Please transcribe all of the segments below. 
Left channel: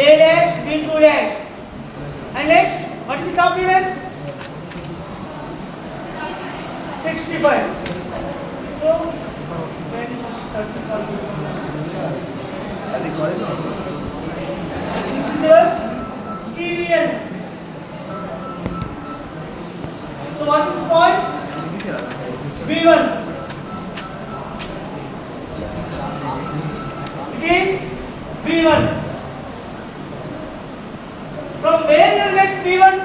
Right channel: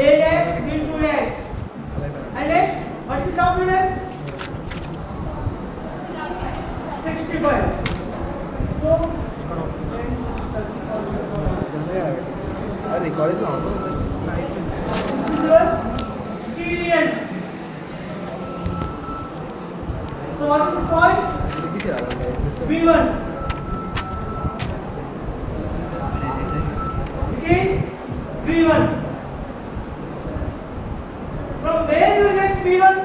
A dash, B2 dash. And next, what is the top unit? 65. So, 10, 30, 40. This is the TDN. So, what is the point? B1. It is B1. From where you will get B1?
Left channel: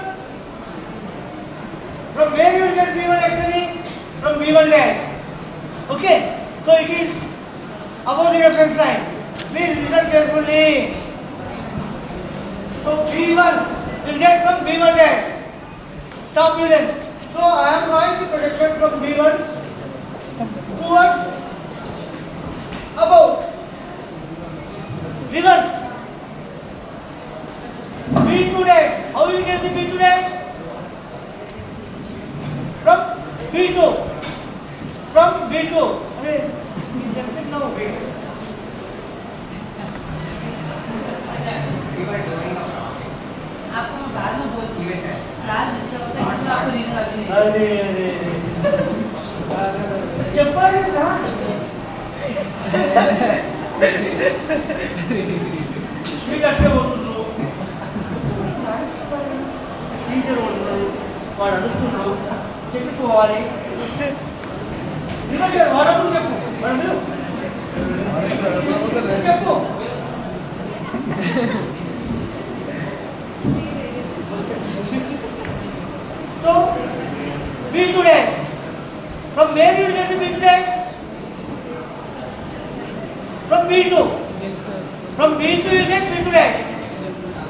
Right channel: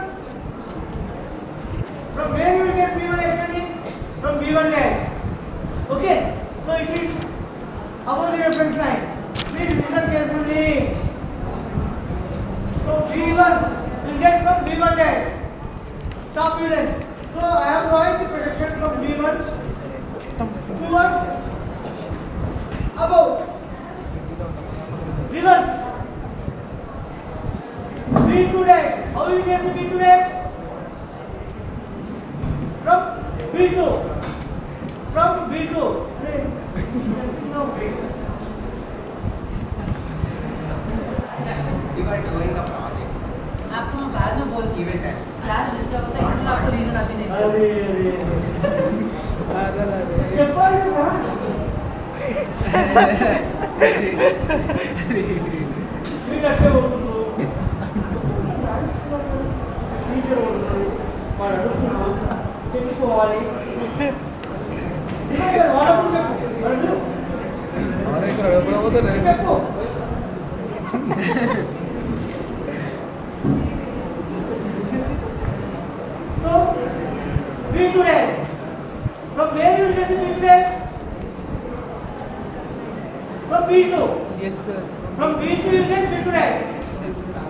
From where you will get B1 actually? From B1 dash. Okay. So it is above the reference line. Please listen carefully. So B1 will get from B1 dash. Top view length. So I am drawing the projection from B1 towards above. Reverse. B2 dash. How will you get the B2 dash? From B2. From B2. Arey, jumping now. आपको मैं बाद में बोल class disturb होता है इसलिए आपको नींद आती नहीं। अरे चप्पल है ना? मी कष्ट बोलतो టీచర్ ఉంటాడు వాడు అడుస్తున్నాడు చెప్పుకోవాలి వాడప్పుడు చెప్పు వాడు చెప్పు so B2 dash from where you will get the B2 dash from B2 Yes, sir. from B2 you will get B2 dash.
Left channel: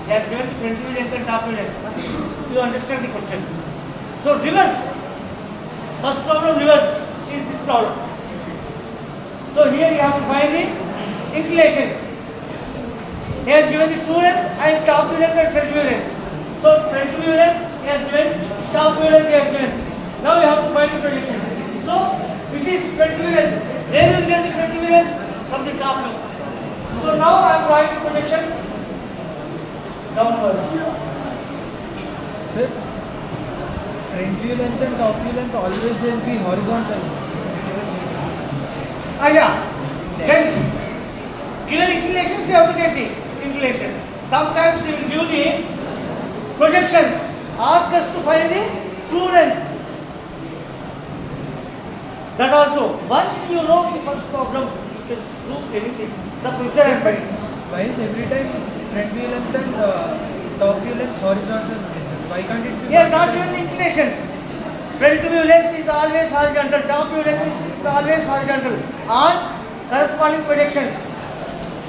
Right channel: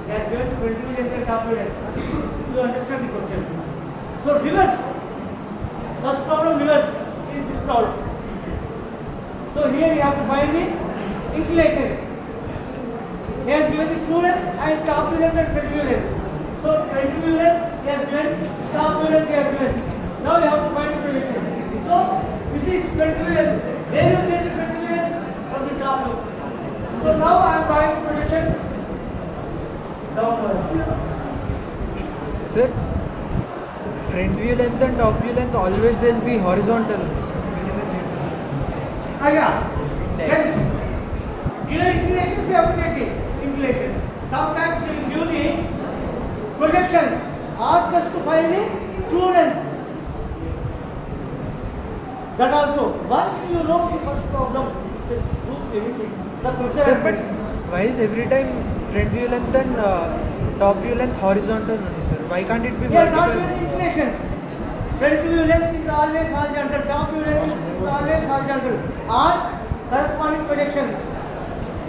He has given the front view length and top view length. You understand the question. So reverse. First problem reverse is this problem. So here you have to find the inclinations. He has given the true length and top view length and front view length. So front view length he has given, top view length he has given. Now you have to find the projection. So it is front view length. Where you will get the front view length? From the top view. So now I am drawing the projection downwards. Sir, front view length and top view length always will be horizontal. Yeah. Then given inclinations you have to take the inclinations. Sometimes he will give the projections. Ask us to find the true length. That also. Once you know the first problem, you can do anything. The future is better. Why is every time front view length and top view length horizontal only, sir? Why can't it be He has not vertical? given the inclinations. Front view length is always horizontal. Top view length is always horizontal. On corresponding projections.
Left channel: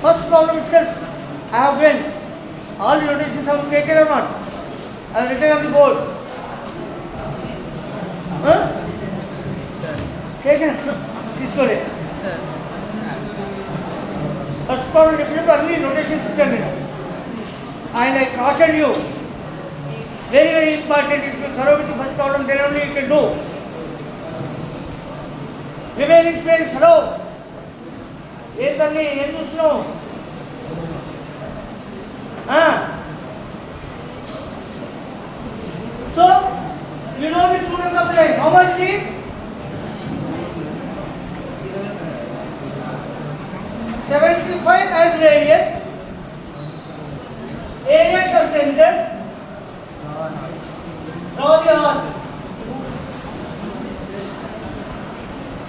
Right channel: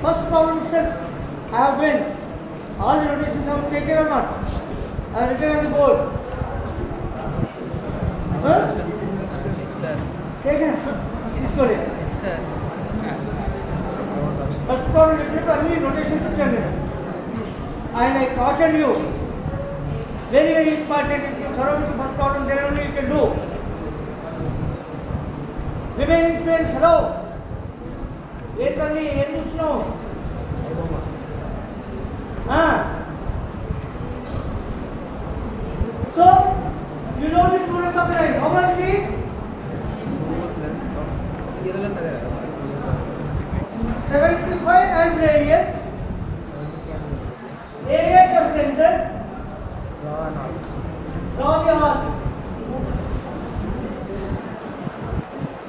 First problem itself, I have given. All the notations have taken or not? I have written on the board. Huh? Sir. Taken. Score. Sir. First problem definitely only notations ichchanu nenu. And I caution you. Very, very important. If you thorough with the first problem, then only you can do. Remaining students, hello. ఏ తల్లి ఏం చూస్తున్నావు? So, you know the true length of the line. How much it is? 75 as radius. Area of center. Draw the arc.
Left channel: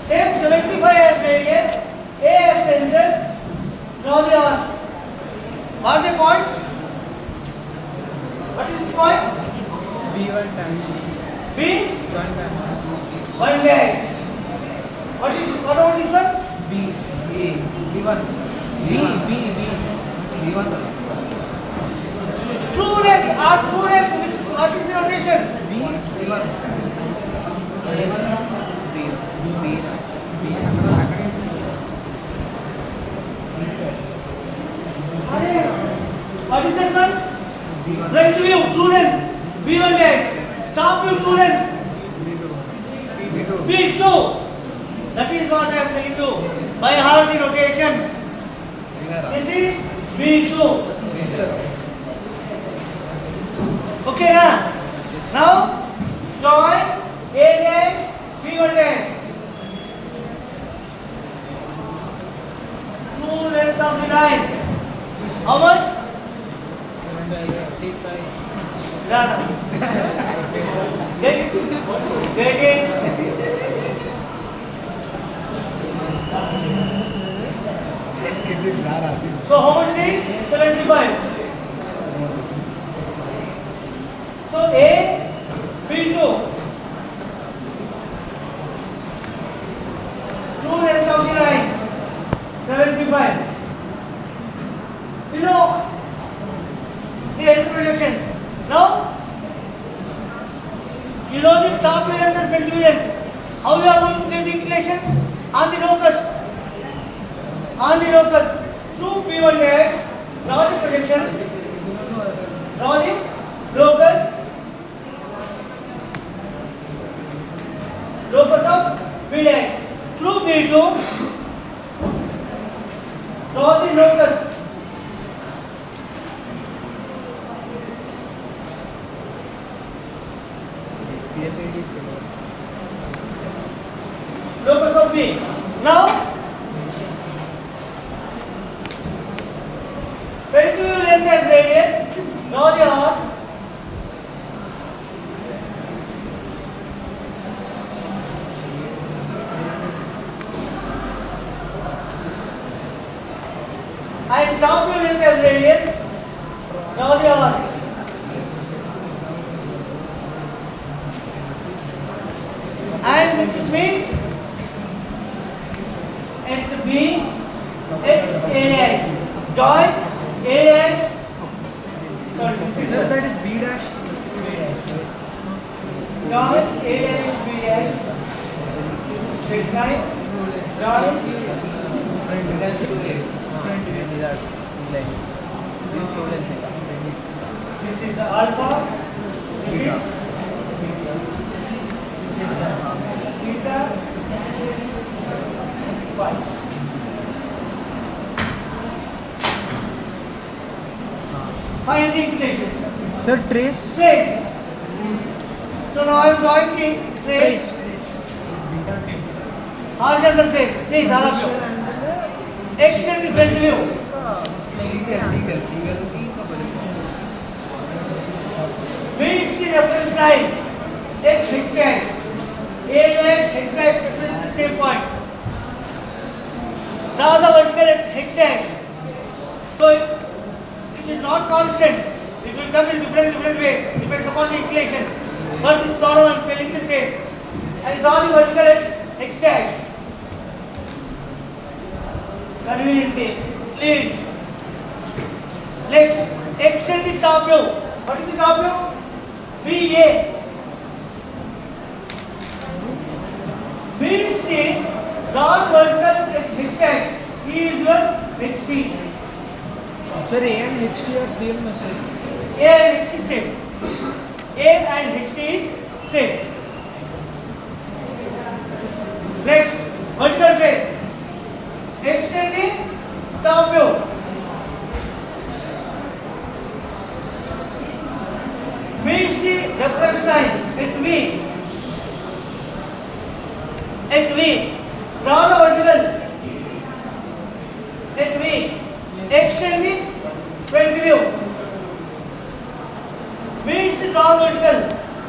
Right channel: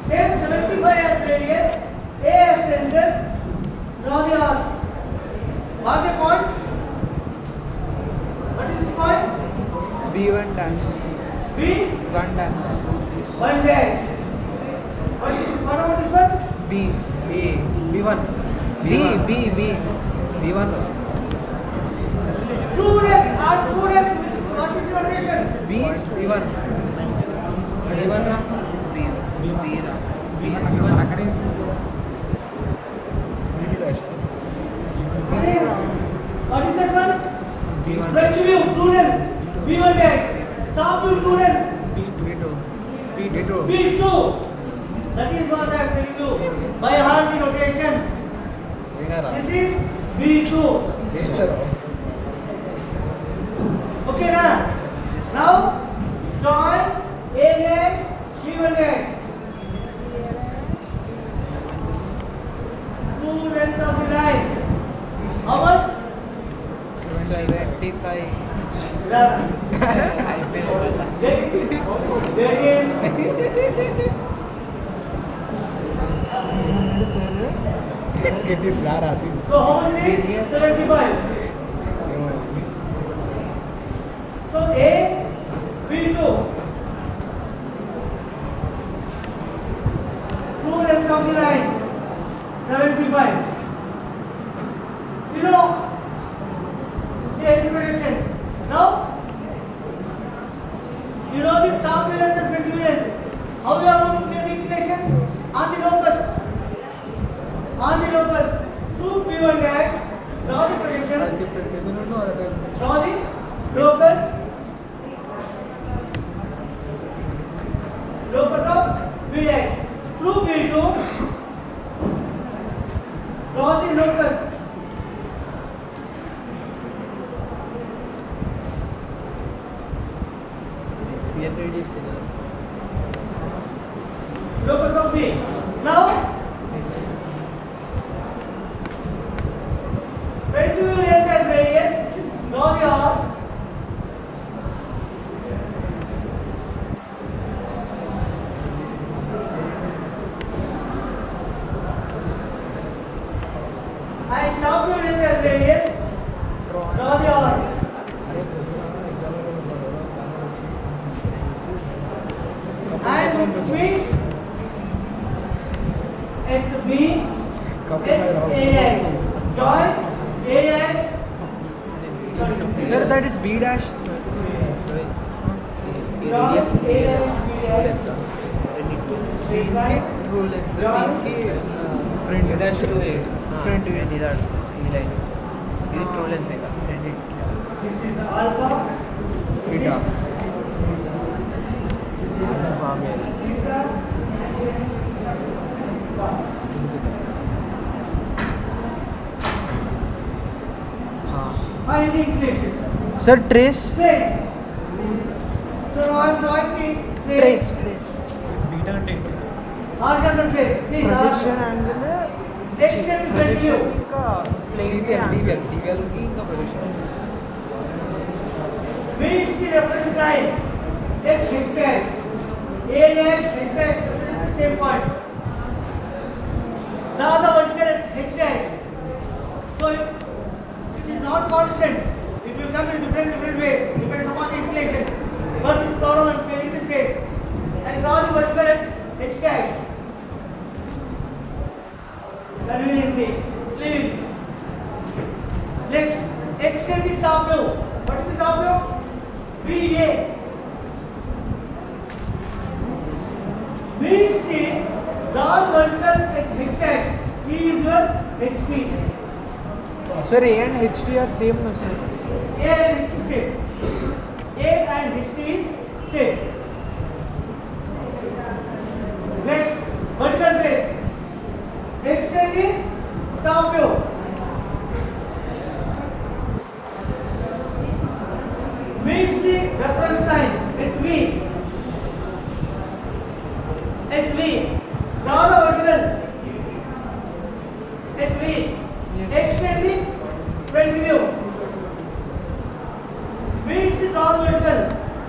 Same 75 as radius. A as center. Draw the arc. What are the points? What is this point? B1 dash. B. 1 dash. 1 dash. What about this one? B. B1. B1. True length. Our true length. What is the notation? B1. What is that one? Front view, true length. B1 dash. Top view, true length. B2. That is what I am telling you. By heart the notations. This is B2. Okay na? Now join A dash B1 dash. True length of the line. How much? 25. Run. Get it? Get it? So how much is 75? So A, B2. True length of the line 75. You know the end projections. Now you know the top view length and front view length. How you are going to get the inclinations? On the locus. On the locus. Through B1 dash, draw the projection. Draw the locus. Locus of B dash. Through B2, draw the locus. Locus of B. Now, front view length as radius. Draw the arc. And top view length as radius. Draw the arc. And which means at B, at A dash. Join A dash. Sir, that is B dash. Join A dash, B dash. Right? Join. Front view. This is alpha. This is theta. Phi. Find the inclinations. Sir, trace. Trace. So now I am drawing the trace. Horizontal trace. Please, all of Projection you. angle. Extend the front view. Meets the reference line. Take H dash. A dash, H dash represents the same point. Draw the vertical at H dash. So it is not constant. It will come in different ways. Depends upon the inclinations. But this problem I am telling the case. And draw the vertical at H dash. Conveniently. Lead. Next, extend the top view. What is the top view? BA. Means the drawn vertical at H dash is equal HT. Sir, A and HT are same, no sir? A and HT same. A and HT is same. Next, vertical trace. Extend the top view. Meets the reference line at V. At V. Draw the vertical. At V. Extend the front view. Meets the drawn vertical.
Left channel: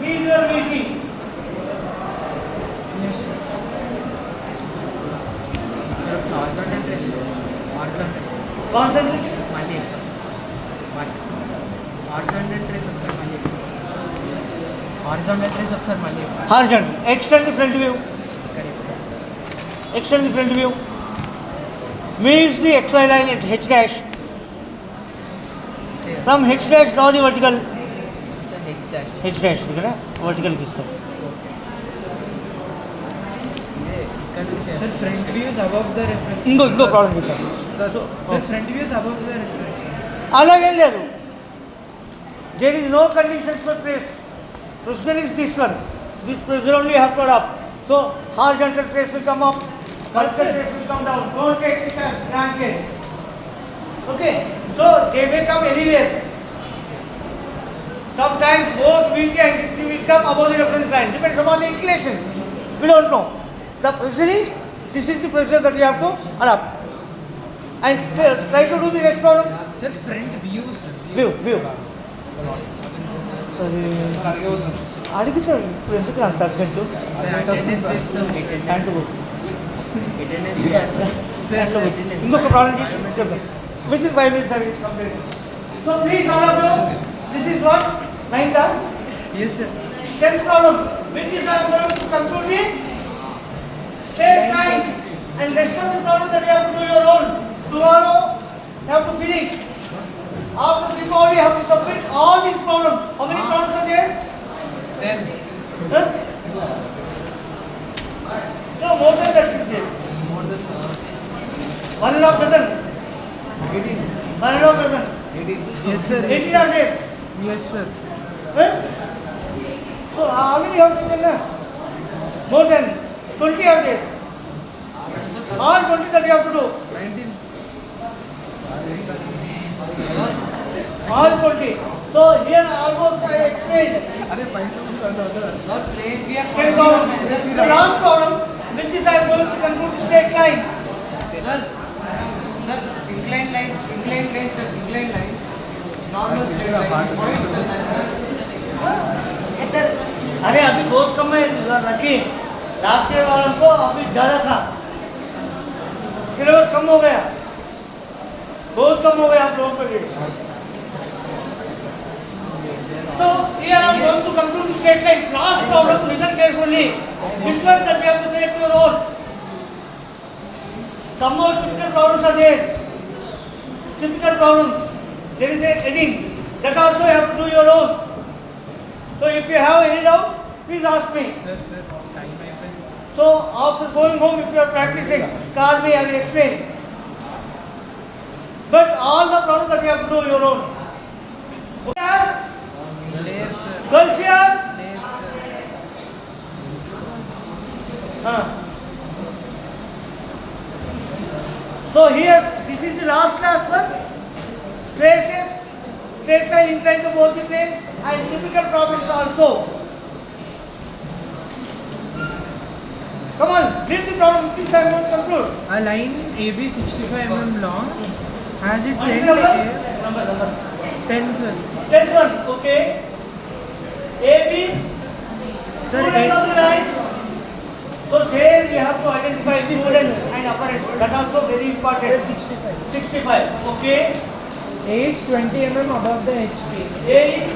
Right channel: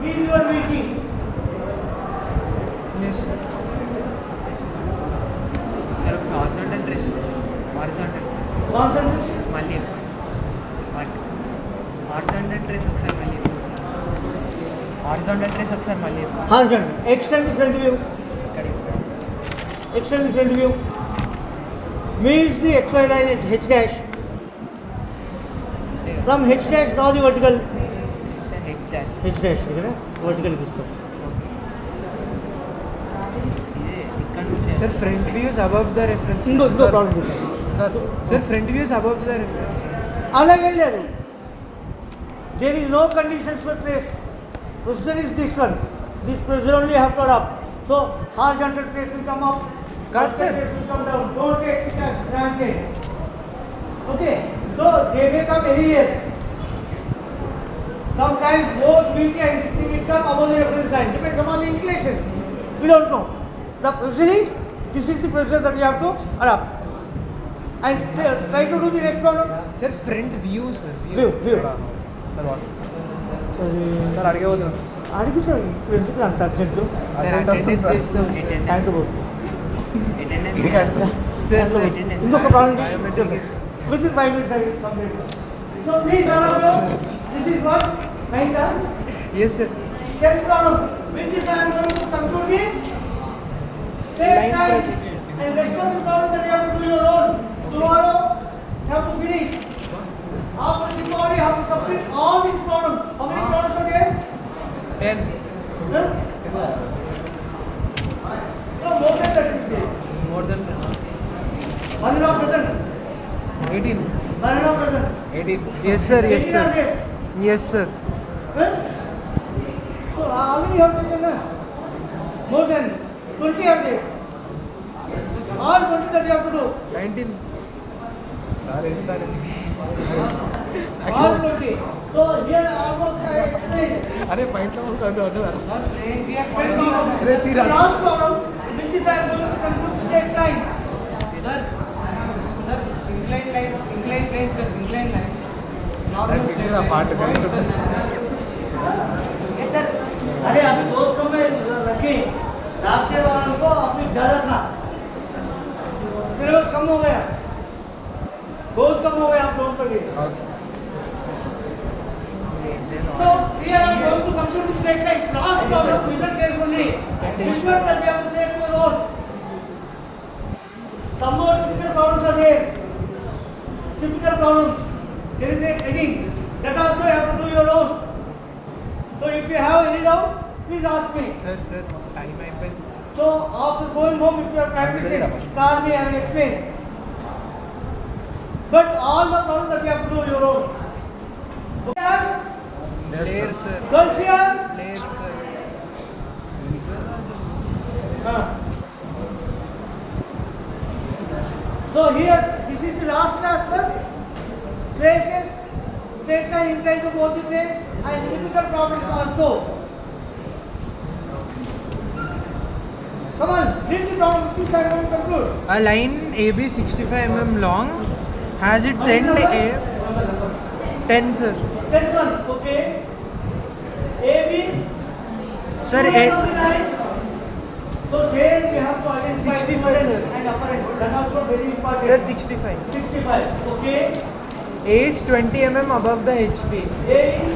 Visual meeting. Yes, sir. horizontal trace. Horizontal. Concentration. మళ్ళీ horizontal trace ఒకసారి మళ్ళీ horizontal trace ఒకసారి మళ్ళీ Horizontal. Extend the front view. Extend the front view. Meets the XY line at H dash. From H dash draw the vertical. H dash. H dash ఇక్కడ vertical ఇస్తారు. ఇక్కడ నుంచి Sir, front view is above the reference. ఇంకో problem చూద్దాం. Sir, front view is above the reference. అలాగేం లేదు. There is no conditions for trace. Procedure is this one. This procedure only you have to adopt. So horizontal trace will come up, vertical trace will come down. Don't take it as granted. Okay. So they may come anywhere. Sometimes both VT and VT will come above the reference line. Depends upon the inclinations. We don't know. The pressure is, this is the pressure that you have to adapt. And try to do the next problem. Sir, front view, sir. View. Sir, అడిగవుతుంది. అడుగుతాడు ఇప్పుడు ఎందుకు అంత urgent Sir, attendance చేస్తాం. దాంట్లో పో. Sir, దాంట్లో పో. ఇంకొక ప్రాబ్లం చేసి with in 5 minutes I will complete it. So please all of you, this is what? 9th. Yes, sir. 10th problem. With this I am going to conclude the straight line and rest of the problem that you have to do your own. Tomorrow you have to finish. After Diwali you have to submit all these problems. How many problems are there? 10. Huh? No, more than that is there. More than 1.5 dozen. 18. 1.5 dozen. 18. Yes, sir. 18 are there. Yes, sir. Huh? So how many have taken? More than 20 are there. All 20 that you have to do. 19. All 20. So here almost I explained. అరే పైన Ten problem. The last problem, which is I am going to conclude the straight lines. Sir, inclined lines, normal straight lines. Yes, sir. अरे अभी बहुत कम है रखी last year वालों को अभी ज़्यादा था सिलेबस कम हो गया बहुत कम हो गया आप लोगों के लिए So here I am going to conclude the straight lines. Last problem, listen carefully. Which one that we have to select your own? Some more typical problems are there. Typical problems. There is a heading. That also you have to do your own. So if you have any doubts, please ask me. Sir, time happens. So after going home, if you are practicing, call me, I will explain. But all the problems that you have to do your own. Okay? Layer, sir. Girls here? Layer, sir. So here, this is the last class one. Traces, straight line inclined to both the planes and typical problems also. Come on, read the problem. This I want to conclude. A line AB 65 mm long has its What is end number? A Number. 10, sir. 10th one, okay. AB, Sir, two length of the line. So there we have to identify two end and upper end. That also very Sir, important. 65. 65, okay. A is 20 mm above the HP A is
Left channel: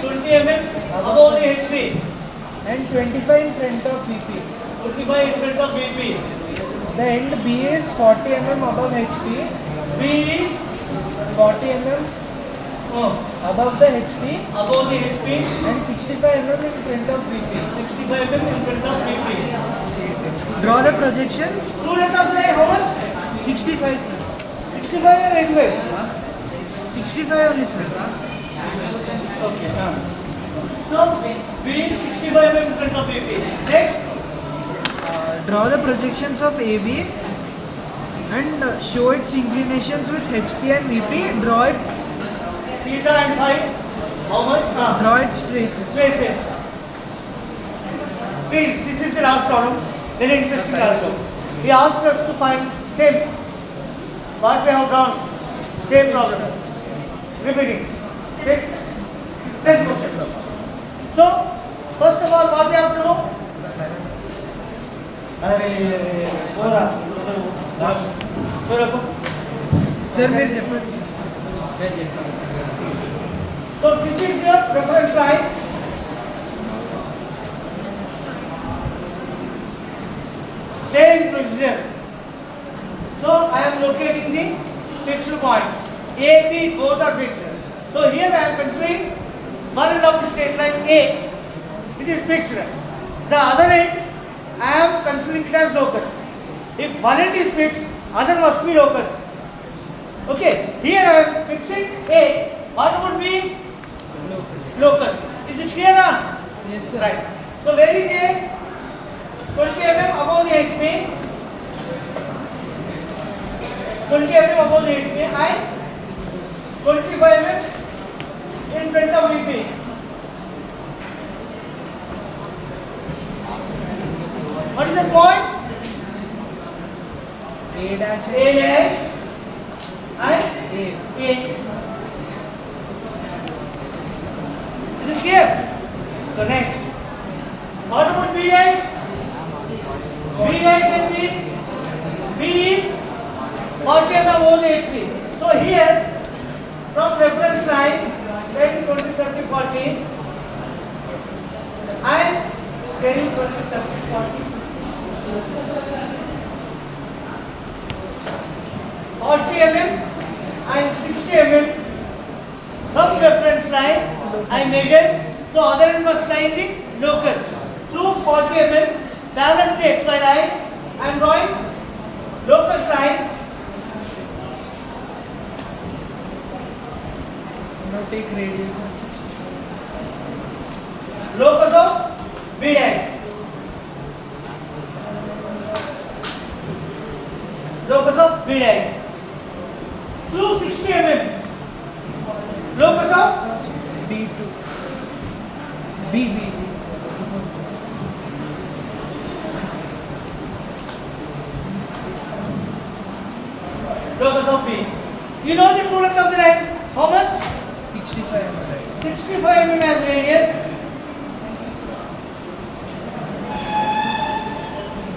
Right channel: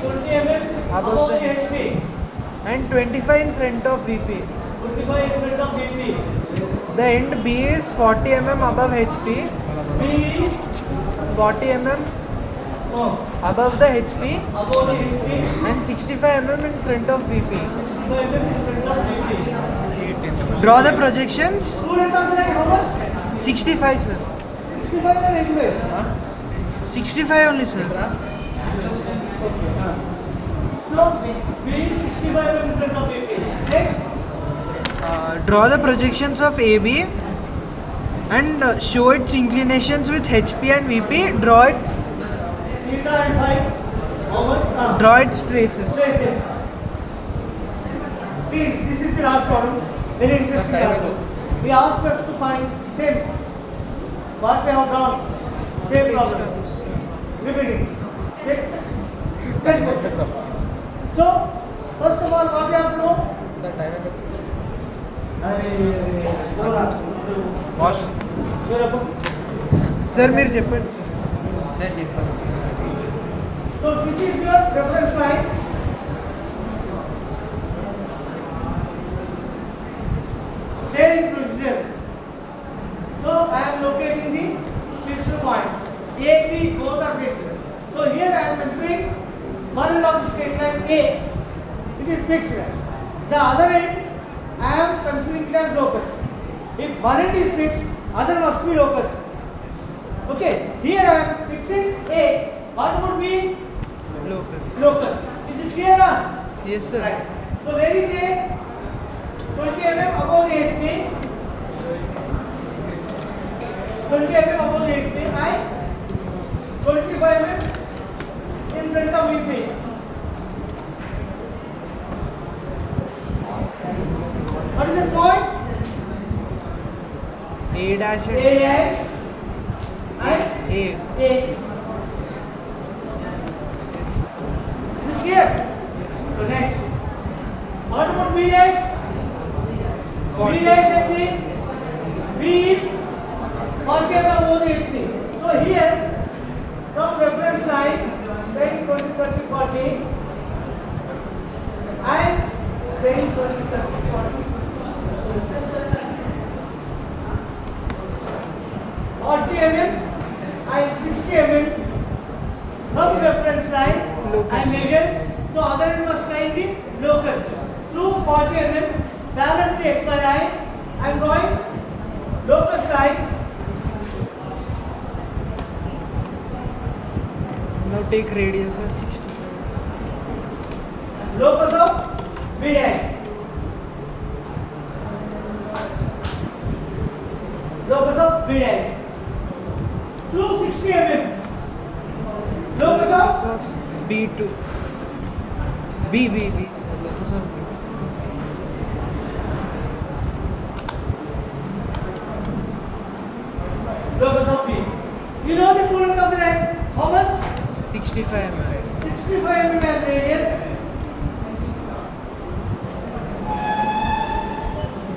20 mm above the HP. and 25 in front of VP. 25 in front of VP. The end B is 40 mm above HP, B is 40 mm above the HP above the HP. and 65 mm in front of VP. 65 mm in front of VP. Draw the projections. Two length of the line, how much? 65, sir. 65 or 85? 65 only, sir. Okay. So B is 65 mm in front of VP. Next. Draw the projections of AB and show its inclinations with HP and VP. Draw its Theta and phi. How much? draw its traces. Traces. Please, this is the last problem. Very interesting also. He asked us to find same. What we have drawn. Same problem. Repeating. Same. 10 questions. So, first of all, what we have to do? अरे बोरा Sir, మీరు చెప్పండి. So this is your reference line. Same procedure. So I am locating the fixed point. A, B both are fixed. So here I am considering one end of the straight line A. It is fixed. The other end I am considering it as locus. If one end is fixed, other must be locus. Okay, here I am fixing A. What would be Locus. locus? Is it clear now? Yes, sir. Right. So where is A? 20 mm above the HP. 20 mm above the HP and 25 mm in front of VP. dash A dash and A. A. Is it clear? So next. What about B dash? B dash and B. B is 40 mm over the HP. So here, from reference line, 10, 20, 30, 40, and 10, 20, 30, 40. 40 mm and 60 mm from reference line I measured. So other end must lie in the locus. Through 40 mm parallel to the XY line, I am drawing locus line. Now take radius as 65. Locus of B dash. Locus of B dash. Through 60 mm. Locus of B2. B. Locus of B. locus of B. You know the true length of the line? How much? 65 mm. 65 mm as radius.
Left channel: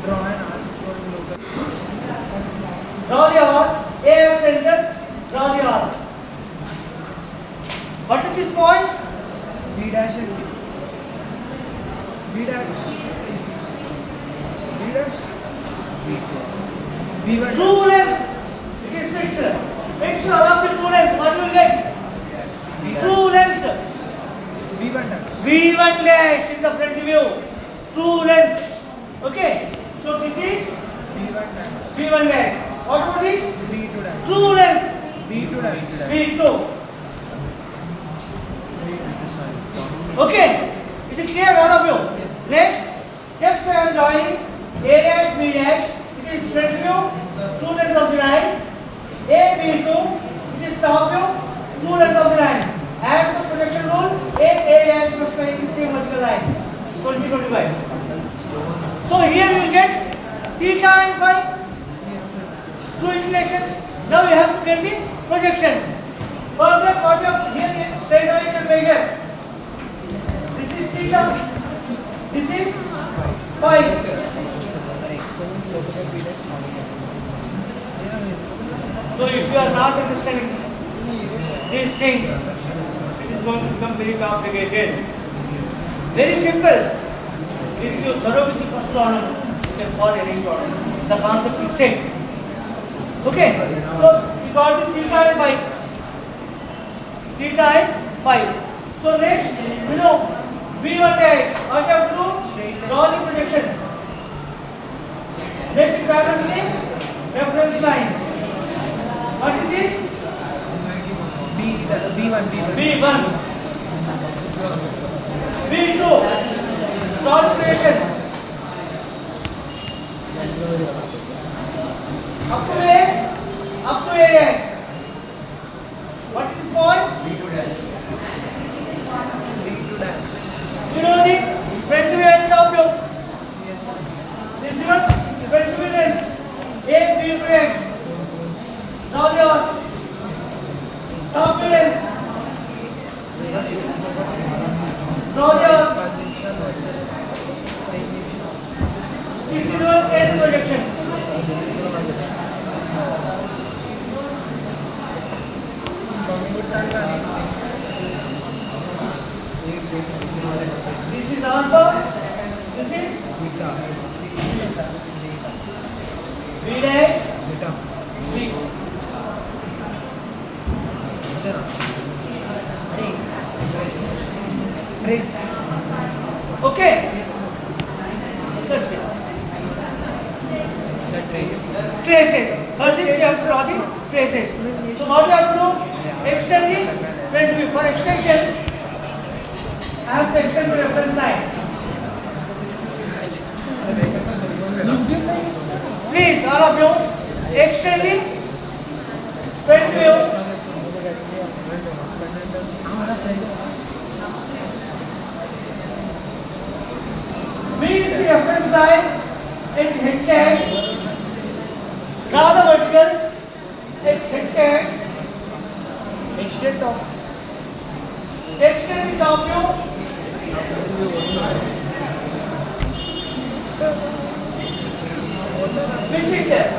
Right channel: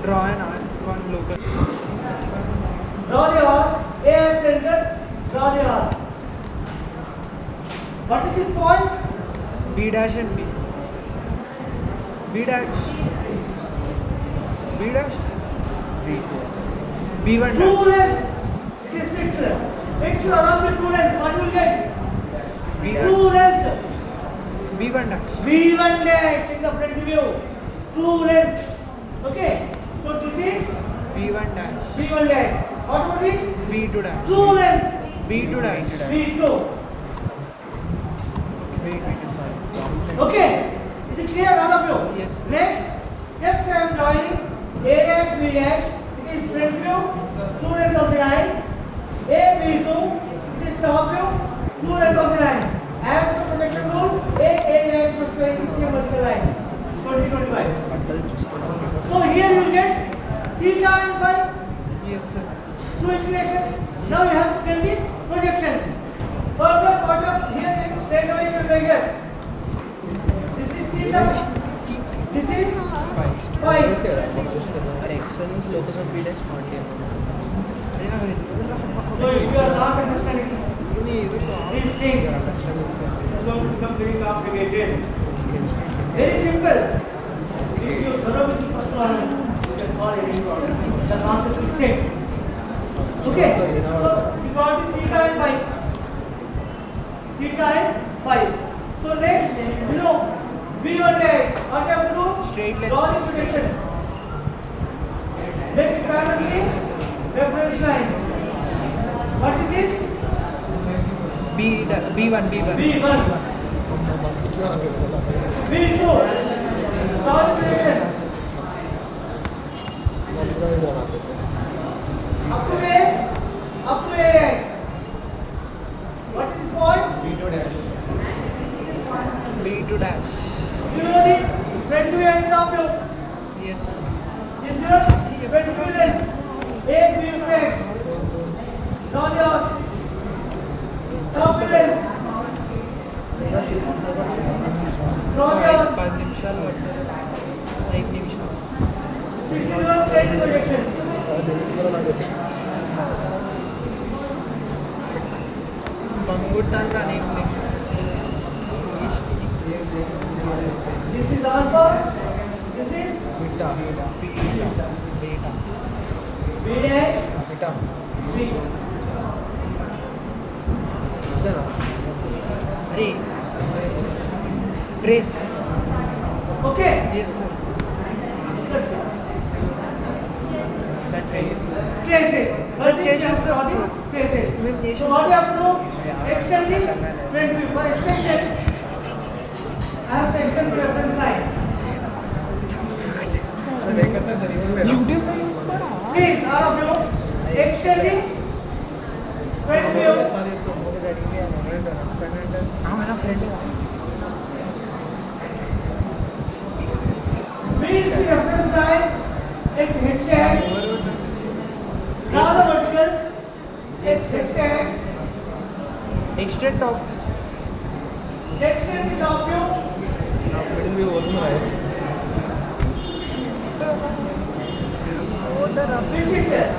Draw an arc, drawing locus. Draw the arc. A as center. Draw the arc. What is this point? B dash and B. B dash. B dash. B1. True length. It is fixed. Fixed along the true length. What you will get? True length. B1 dash. V1 dash in the front view. True length. Okay. So this is B1 dash. V1 dash. What about this? B2 dash. True length. B2 dash. V2. Okay. Is it clear, all of you? Yes. Next, just I am drawing A dash B dash. It is front view. True length of the line. A B2. It is top view. True length of the line. As per projection rule, A dash must lie in the same vertical line. 20-25. So here you will get theta and phi. Yes, sir. Two inclinations. Now you have to get the projections. Further project here in straight away you can measure. This is theta. This is phi. So if you are not understanding these things, it is going to become very complicated. Very simple. If you thorough with the first problem, you can solve any problem. The concept is same. Okay. So we got the theta and phi. Theta and phi. So next, you know, V1 dash. What you have to do? Straight line. Draw the projection. Next, parallel reference line. What is this? B1. V1. V2. Draw the projection. Up to A dash. What is this point? B2 dash. You know the front view and top view. Yes. This is your front view length. A B2 dash. Now your top view length. Now your 5 నిమిషాలు 8 నిమిషాలు. this is your case projection. This is alpha. This is B dash B. Trace. Okay. Yes, sir. That's it. Trace. Traces. For this you have to draw the traces. So what you have to do? Extend the front view. For extension, I have to extend the reference line. Please, all of you, extend the front view. B is the reference line at H dash. Draw the vertical Extend top. Extend the top view. Pinch it there.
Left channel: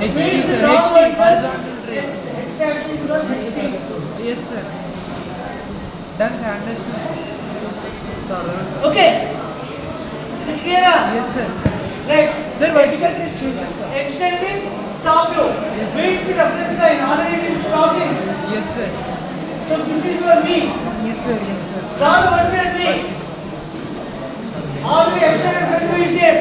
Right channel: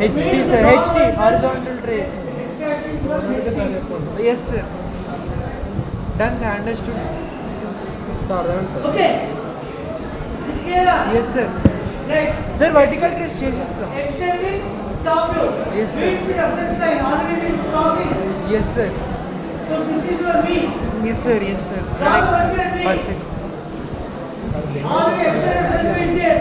HT sir, HT, horizontal trace. X-axis plus HT. Yes sir. Done sir, understood sir. Okay. Is it clear? Yes sir. Right. Sir, vertical trace changes sir. Extending top view. Yes, sir. Meets the reference line. Already been crossing. Yes sir. So this is your V. Yes sir, yes sir. Draw the vertical V. All the extended front view is there.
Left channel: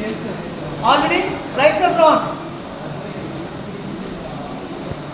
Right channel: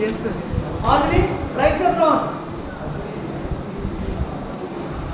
Yes sir. Already lights are drawn.